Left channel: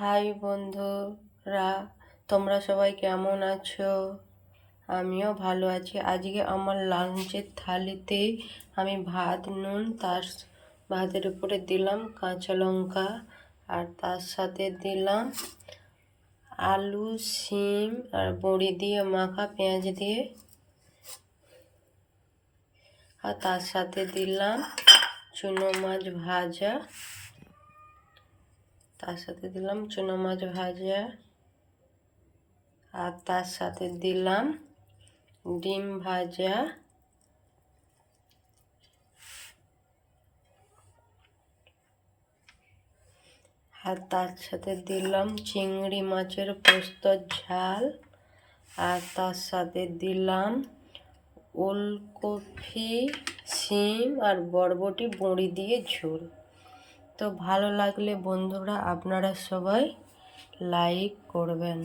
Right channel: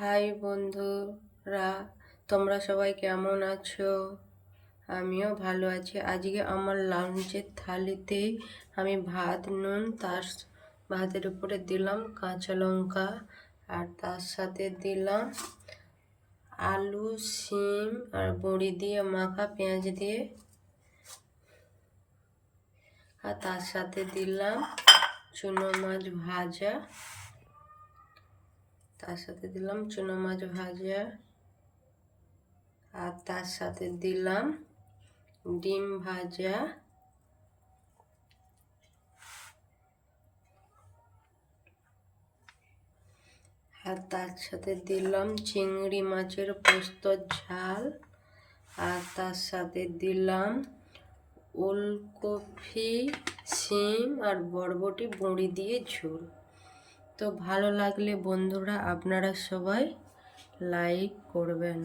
High বন্ধুরা, তোমরা সবাই কেমন আছো? আমিও ভালো আছি। আজকে আমার লাঞ্চের থালিতে আমি ভাত, নুন, ভাতের উপরে দিলাম কাঁচা লঙ্কা, আর তার সাথে দিলাম আলু, শিম আর বড়ি দিয়ে মাখা পেঁয়াজ দিয়ে, আর তার সাথে দিলাম চুনো মাছ ভাজা, আর তার সাথে দিলাম ডিম ভাজা, আর তার সাথে দিলাম চিংড়ি মাছের পোস্তর ঝাল, আর তার সাথে দিলাম ওলকপি, শিম আর বরবটি বড়ি দিয়ে ঝোল। তো ভালো লাগলে বন্ধুরা আপনারা সবাই লাইক করবেন।